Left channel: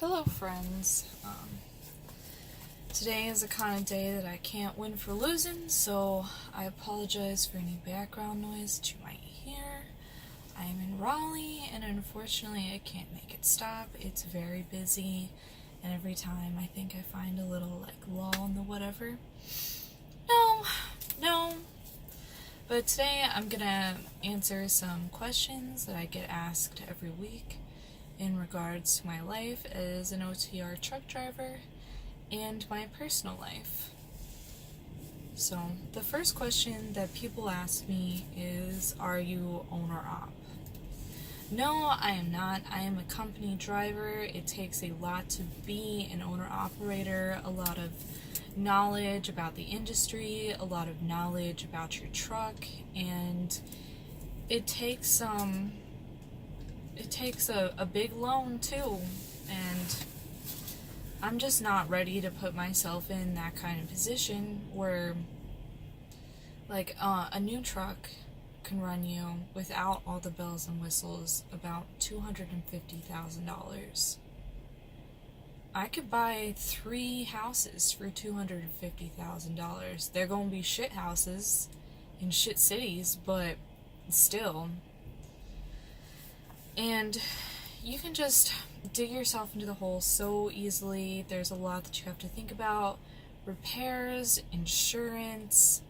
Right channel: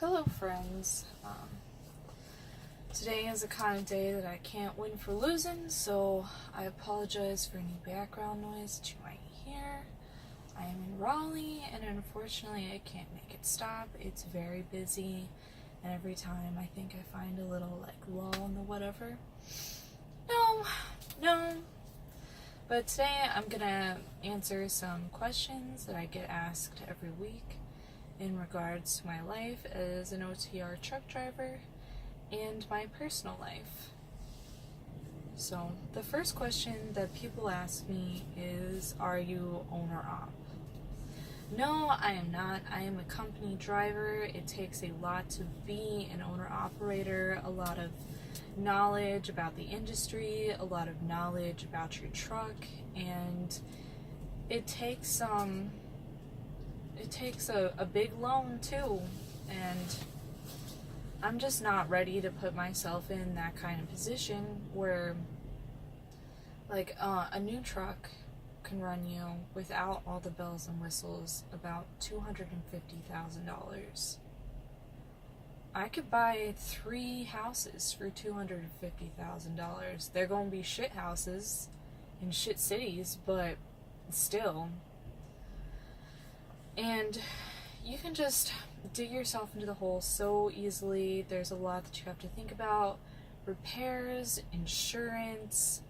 Hello friends, today is the kind of day that I can't win for losing, so I apologize for any background noise that you might hear. I am in Raleigh, and unfortunately I can't make it stop. It's very busy, and every time I think I find a little, lull in the whatever. No. But today I'm gonna answer some questions that I get asked every week in regards to my life as an OTR truck driver and my personal life. So, the first question that people ask me is, are you owner-op? No, I am not. I am a company driver. It takes a lot to be an owner-operator, a lot of knowledge about the industry, a lot of knowledge about your truck, and it takes a big loan too, and I'm just not ready to put myself in that kind of position where a new truck can run you without all the bells and whistles about $250,000. I could buy 3 houses for $250,000. They're gonna be shit houses in shit cities, but still. And you can just dig yourself into the hole so easily. There's a lot that you have to think about. Repairs, insurance,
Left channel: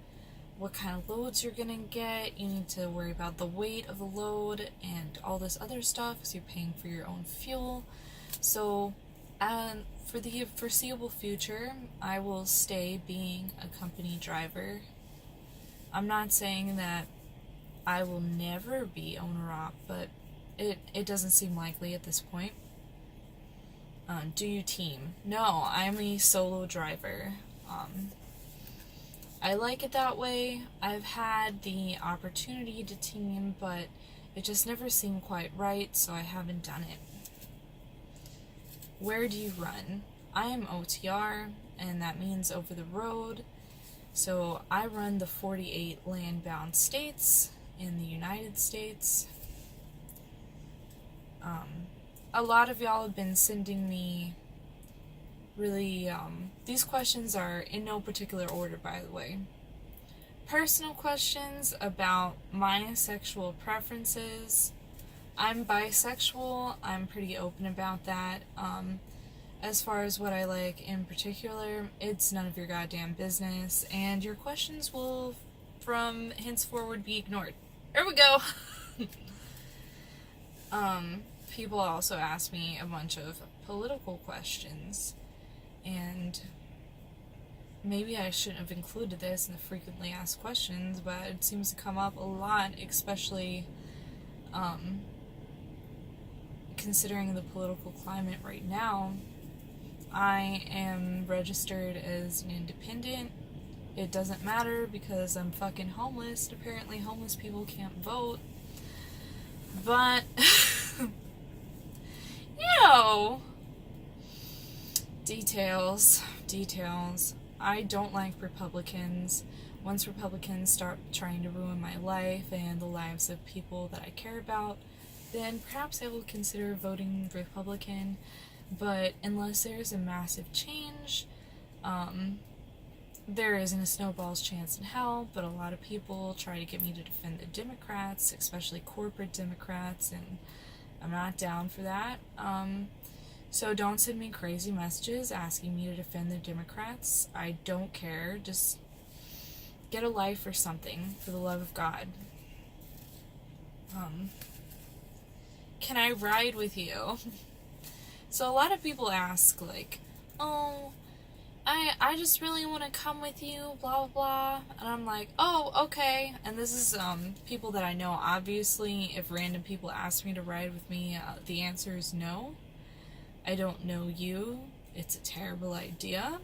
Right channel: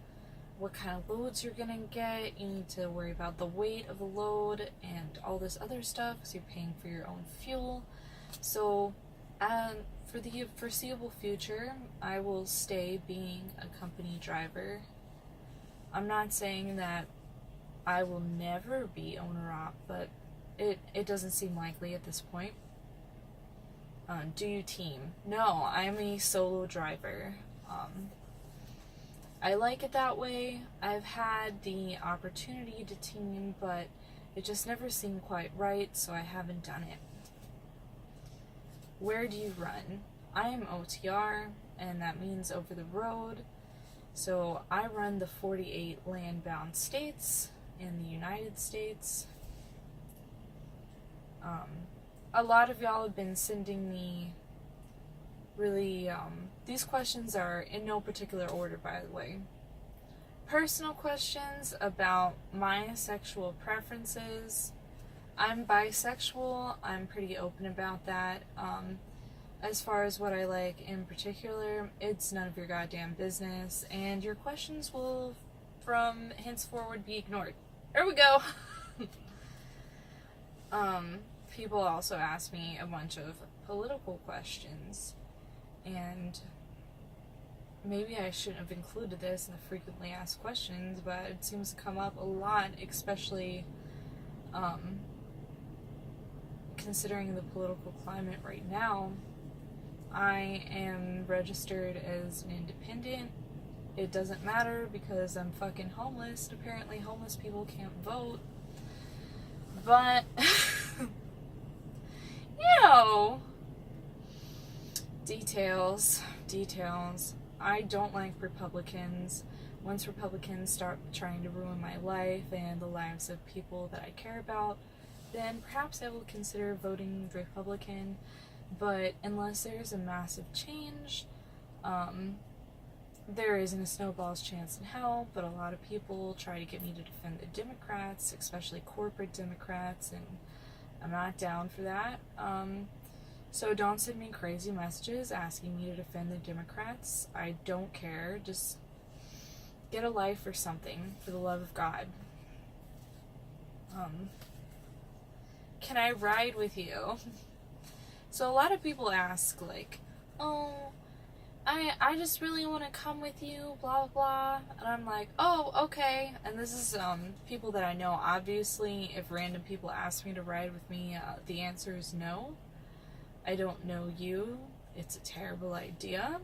what kind of loads you're gonna get. You need to worry about the weight of the load and all this other stuff because you're paying for your own fuel. So for the foreseeable future, I will stay being a company driver. I'm not saying that I will never be owner-op, but it doesn't seem likely at this point. Do you team? No, I'm a solo driver. I like it that way. I've had the opportunity to team, but it just never seemed quite right, so I haven't done it. Where do you run? I am OTR, and that means over the road. So I run the 48 land-bound states in the United States. A lot of y'all have been sending me really, these questions are in no particular order, by the way. Personal questions about my sexual preferences. I'm bisexual. I'm pretty open about that. As far as what I like in particular, it's none of your goddamn business, and your questions will, from henceforward, be ignored. There we go! People also ask me a bunch of political questions, and maybe I shouldn't have included this in the frequently asked questions, but it seems to come up a lot, especially considering the political climate right now. I am registered as an independent. It doesn't matter because I'm fucking homeless. Apparently homeless people can't vote. But details. I don't like Republicans. Once Republicans start trying to ruin my life and the lives of people that I care about, then perhaps I will consider voting Republican. But unless there's a massive change, there isn't a snowball's chance in hell. But a lot of people try to get me to defend the Democrats, especially corporate Democrats, and I'm not down for that. So don't send me crazy messages asking me to defend the Democrats. I don't care. Just get a life or something, for the love of God. Can I ride with you? So a lot of people ask, oh, I just really want to come with you, blah, blah, blah. And I'm like, oh, okay. And this is people that I know. Obviously, if random people ask me to ride with me, the answer is no. I don't know you. It's a terrible idea.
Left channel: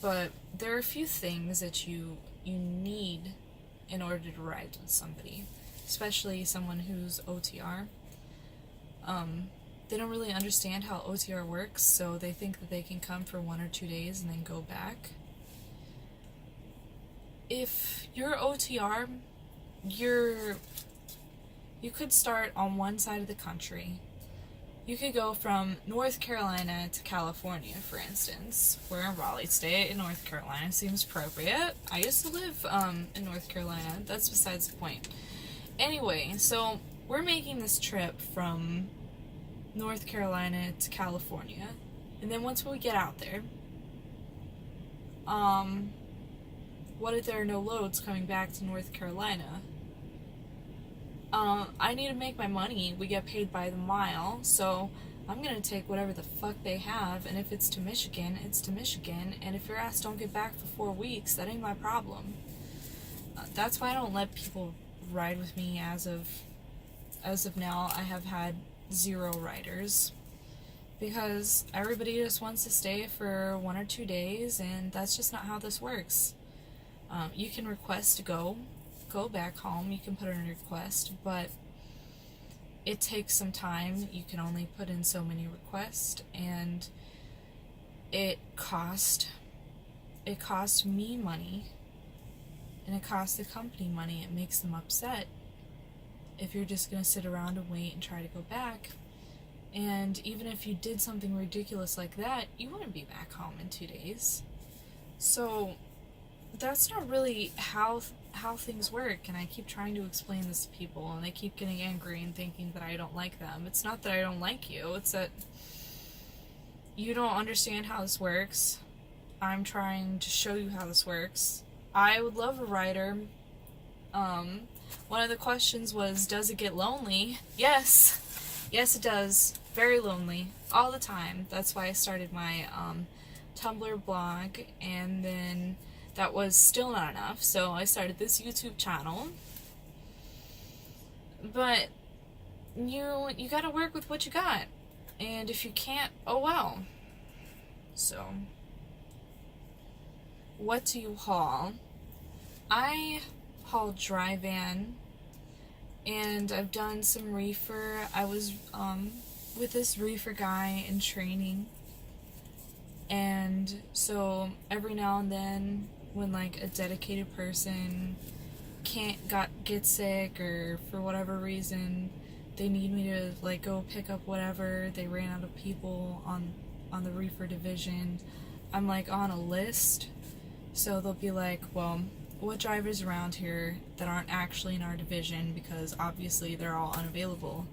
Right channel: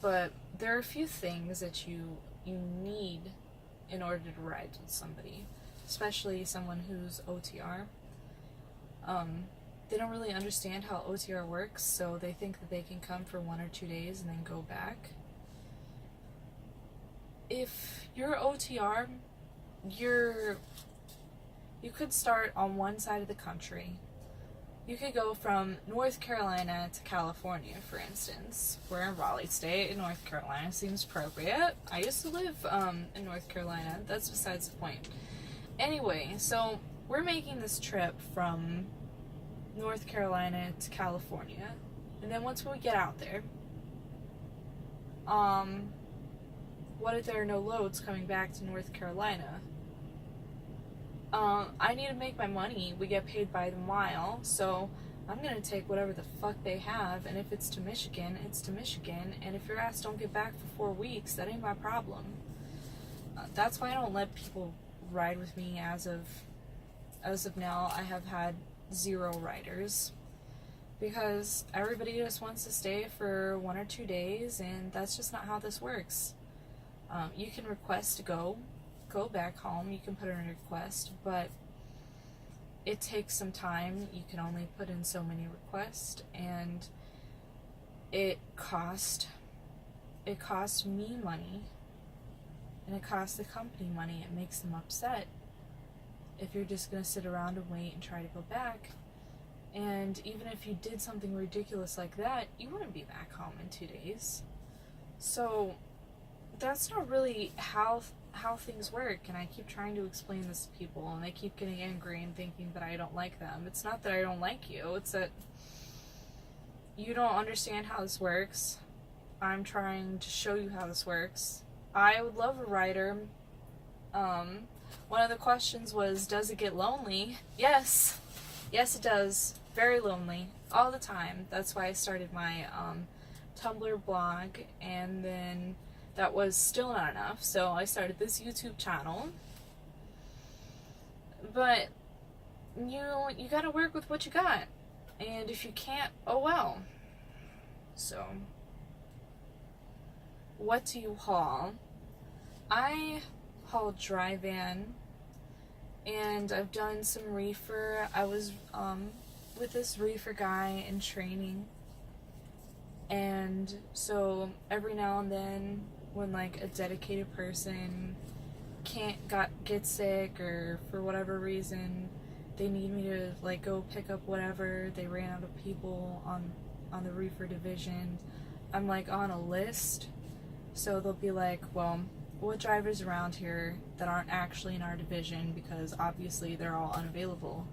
But there are a few things that you need in order to ride with somebody, especially someone who's OTR. They don't really understand how OTR works, so they think that they can come for 1 or 2 days and then go back. If you're OTR, you could start on one side of the country You could go from North Carolina to California, for instance. We're in Raleigh State in North Carolina. Seems appropriate. I used to live in North Carolina. That's besides the point. Anyway, so we're making this trip from North Carolina to California. And then once we get out there, what if there are no loads coming back to North Carolina? I need to make my money. We get paid by the mile, so I'm gonna take whatever the fuck they have, and if it's to Michigan, it's to Michigan, and if your ass don't get back for 4 weeks, that ain't my problem. That's why I don't let people ride with me as of now. I have had 0 riders, because everybody just wants to stay for 1 or 2 days, and that's just not how this works. You can request to go back home. You can put in a request, but it takes some time. You can only put in so many requests, and it cost me money, and it costs the company money. It makes them upset if you're just gonna sit around and wait and try to go back. And even if you did something ridiculous like that, you wouldn't be back home in 2 days. So that's not really how things work, and I keep trying to explain this to people, and they keep getting angry and thinking that I don't like them. It's not that I don't like you, it's that you don't understand how this works. I'm trying to show you how this works. I would love a rider. One of the questions was, does it get lonely? Yes it does. Very lonely all the time. That's why I started my Tumblr blog, and then that was still not enough, so I started this YouTube channel. But you gotta work with what you got, and if you can't, oh well. So what do you haul? I haul dry van, and I've done some reefer. I was with this reefer guy in training, and so every now and then, when like a dedicated person get sick, or for whatever reason they need me to like go pick up whatever, they ran out of people on the reefer division, I'm like on a list. So they'll be like, well, what drivers around here that aren't actually in our division, because obviously they're all unavailable,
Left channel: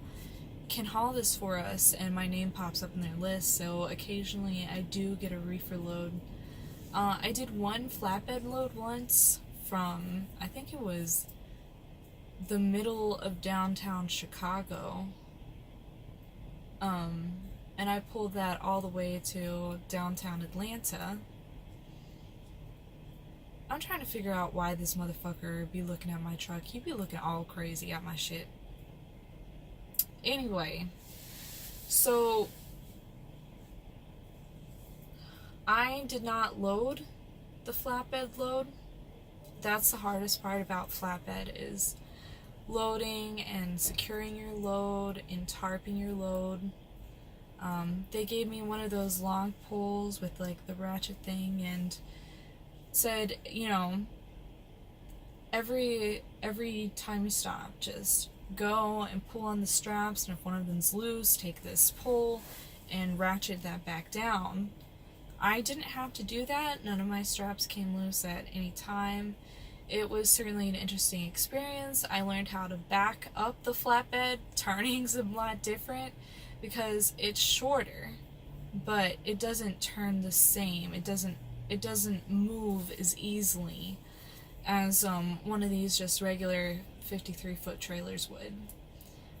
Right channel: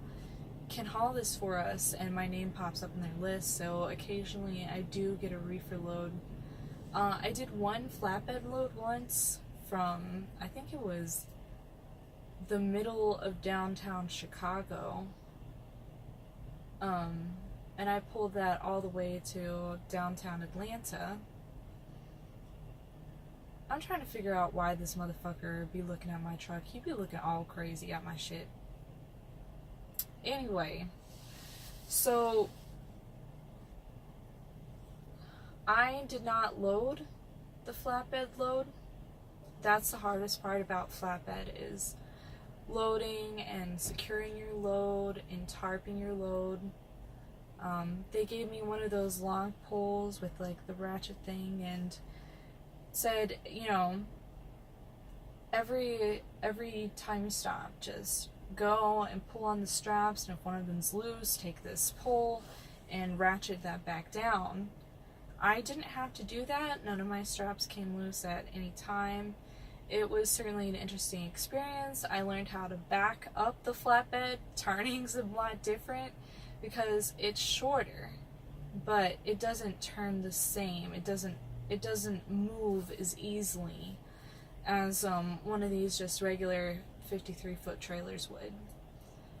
can haul this for us, and my name pops up in their list. So occasionally I do get a reefer load. I did one flatbed load once from, I think it was the middle of downtown Chicago, and I pulled that all the way to downtown Atlanta. I'm trying to figure out why this motherfucker be looking at my truck. He be looking all crazy at my shit. Anyway, so I did not load the flatbed load. That's the hardest part about flatbed, is loading and securing your load and tarping your load. They gave me one of those long poles with like the ratchet thing, and said, you know, every time you stop, just go and pull on the straps, and if one of them's loose, take this pole and ratchet that back down. I didn't have to do that. None of my straps came loose at any time. It was certainly an interesting experience. I learned how to back up the flatbed. Turning's a lot different because it's shorter, but it doesn't turn the same. It doesn't move as easily as one of these just regular 53-foot trailers would.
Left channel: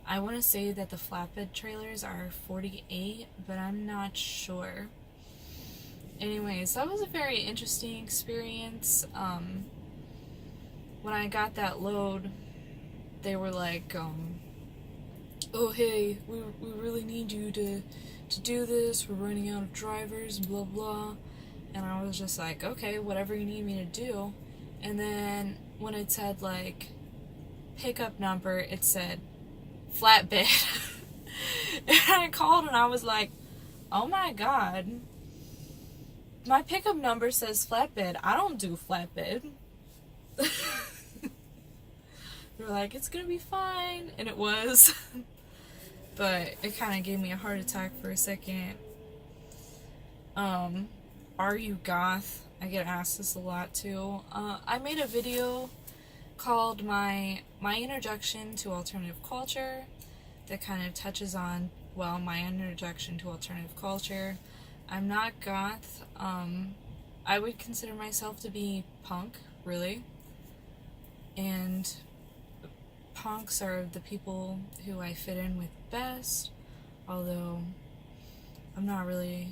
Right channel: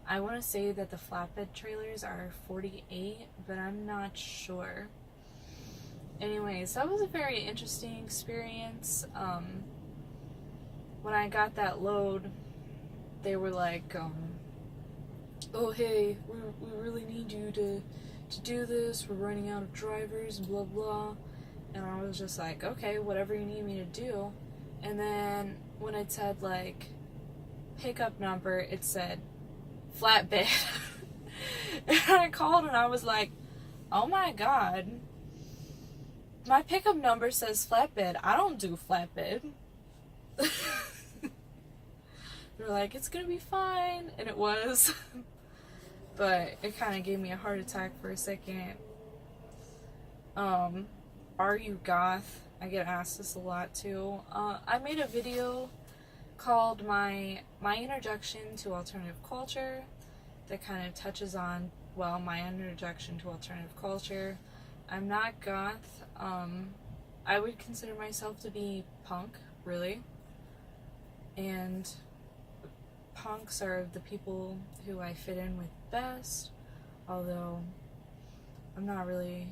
I want to say that the flatbed trailers are 48, but I'm not sure. Anyways, that was a very interesting experience. When I got that load, they were like, oh hey, we really need you to do this, we're running out of drivers, and blah blah. And I was just like, okay, whatever you need me to do. And then when it said like pickup number, it said flatbed. And I called and I was like, oh my god, my pickup number says flatbed. I don't do flatbed. They were like, it's gonna be fine. And it was. but it kind of gave me a heart attack for a second. Are you goth? I get asked this a lot too. I made a video called my introduction to alternative culture that kind of touches on, well, my introduction to alternative culture. I'm not goth. I would consider myself to be punk, really. And punks are the people who I fit in with best, although I'm not really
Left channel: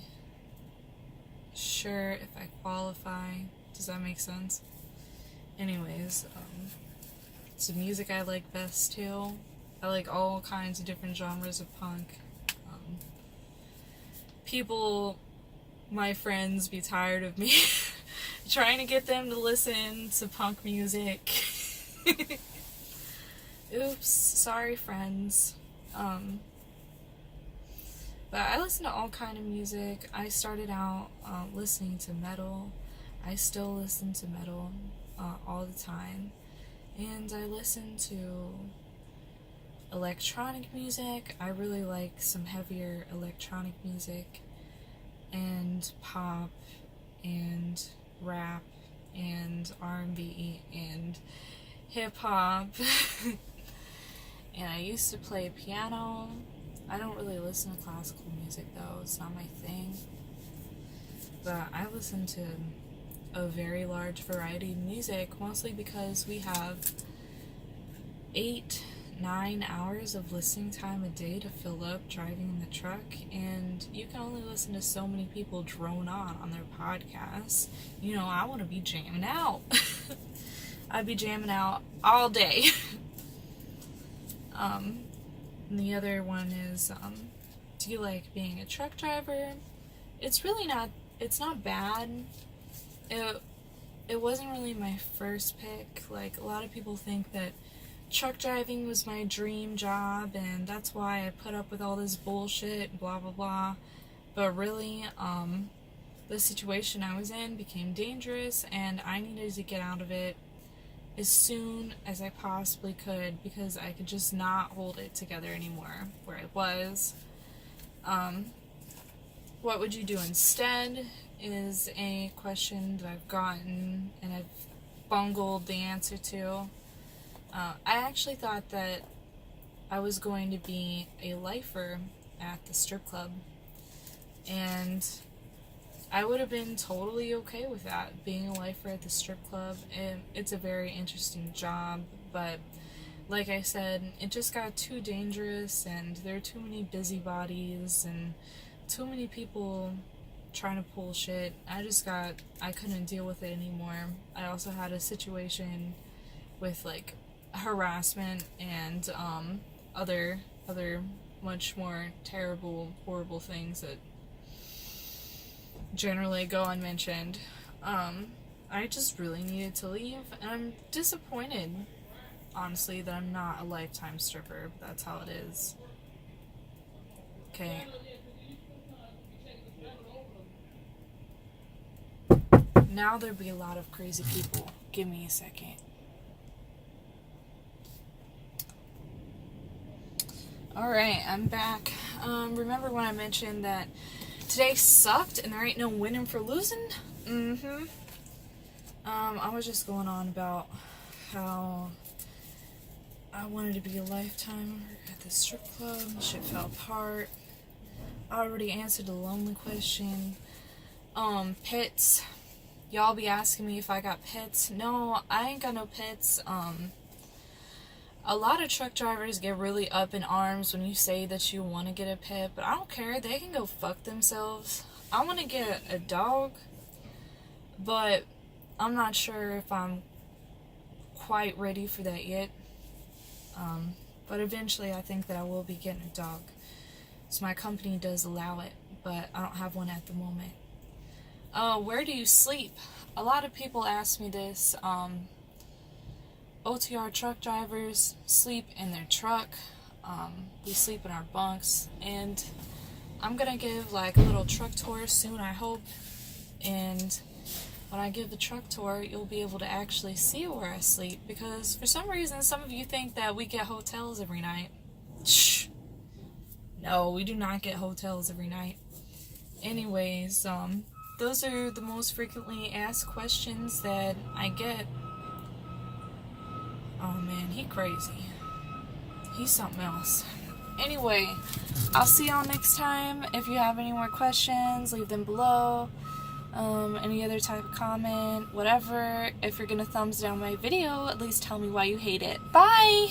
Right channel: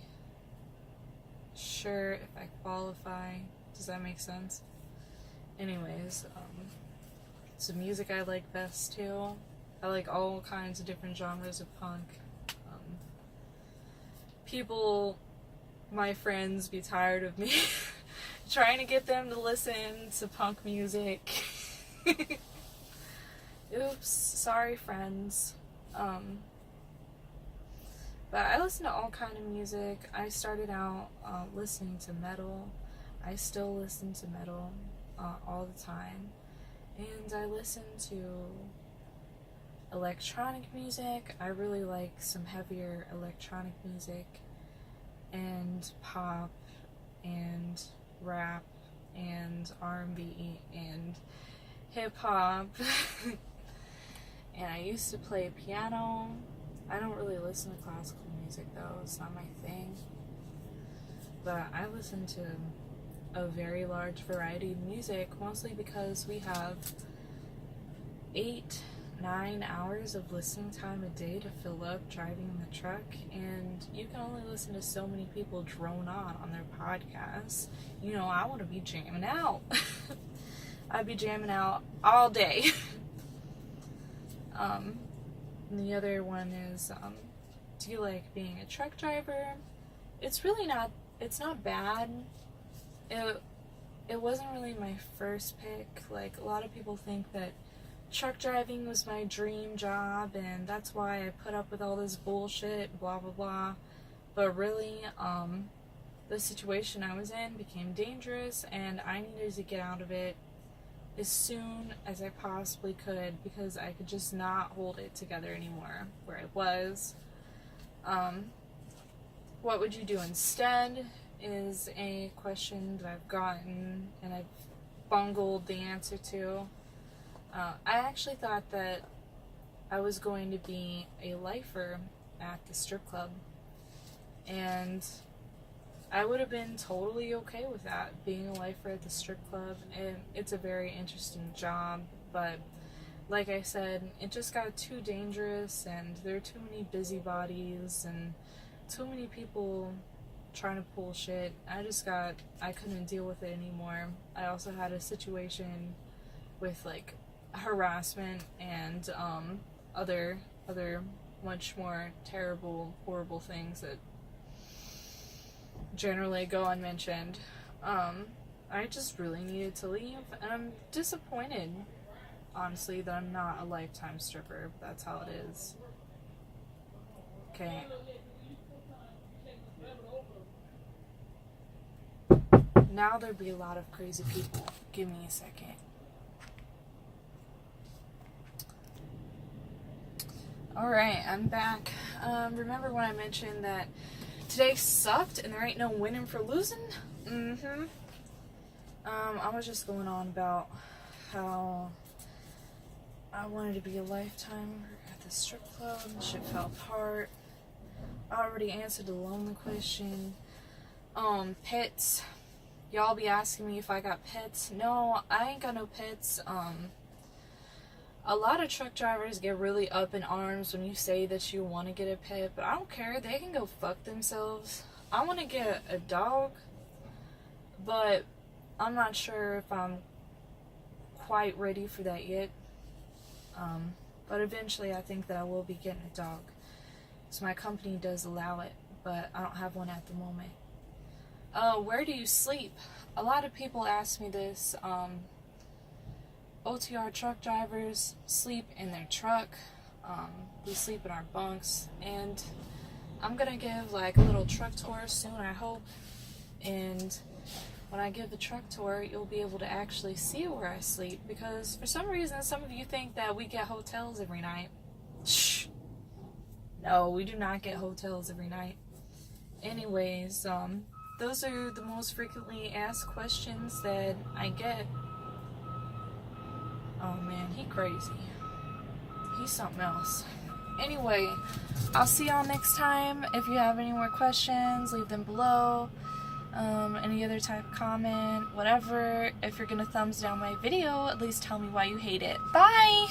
sure if I qualify. Does that make sense? Anyways, it's the music I like best too. I like all kinds of different genres of punk. People, my friends, be tired of me trying to get them to listen to punk music. Oops, sorry friends. But I listen to all kind of music. I started out listening to metal. I still listen to metal all the time. And I listen to electronic music. I really like some heavier electronic music, and pop, and rap, and R&B, and hip-hop. And I used to play piano. I don't really listen to classical music though, it's not my thing. But I listen to a very large variety of music, mostly because we have 8-9 hours of listening time a day to fill up driving in the truck, and you can only listen to so many people drone on their podcasts. You know, I want to be jamming out. I'd be jamming out all day. And the other one is, do you like being a truck driver? It's really not, it's not bad. It wasn't really my first pick. Like, a lot of people think that truck driving was my dream job, and that's why I put up with all this bullshit, blah blah blah. But really, the situation I was in became dangerous, and I needed to get out of it as soon as I possibly could, because I could just not hold it together anymore where I was. What would you do instead is a question that I've gotten and I've bungled the answer to. I actually thought that I was going to be a lifer at the strip club, and I would have been totally okay with that, being a lifer at the strip club. And it's a very interesting job, but like I said, it just got too dangerous, and there are too many busybodies and too many people trying to pull shit. I couldn't deal with it anymore. I also had a situation with like harassment and other much more terrible, horrible things that generally go unmentioned. I just really needed to leave, and I'm disappointed, honestly, that I'm not a lifetime stripper, but that's how it is. Okay. Now there'd be a lot of crazy people. Give me a second. Alright, I'm back. Remember when I mentioned that today sucked and there ain't no winning for losing? I was just going on about how I wanted to be a lifetimer at the strip club. Shit fell apart. I already answered the lonely question. Pets. Y'all be asking me if I got pets. No, I ain't got no pets. A lot of truck drivers get really up in arms when you say that you want to get a pet, but I don't care. They can go fuck themselves. I want to get a dog, but I'm not sure if I'm quite ready for that yet. But eventually I think that I will be getting a dog. So my company does allow it, but I don't have one at the moment. Where do you sleep? A lot of people ask me this. OTR truck drivers sleep in their truck. We sleep in our bunks, and I'm gonna give like a little truck tour soon, I hope. And when I give the truck tour, you'll be able to actually see where I sleep, because for some reason some of you think that we get hotels every night. Shh. No, we do not get hotels every night. Anyways, those are the most frequently asked questions that I get. Oh man, he crazy. He's something else. Anyway, I'll see y'all next time. If you have any more questions, leave them below. Any other type of comment, whatever. If you're gonna thumbs down my video, at least tell me why you hate it. Bye!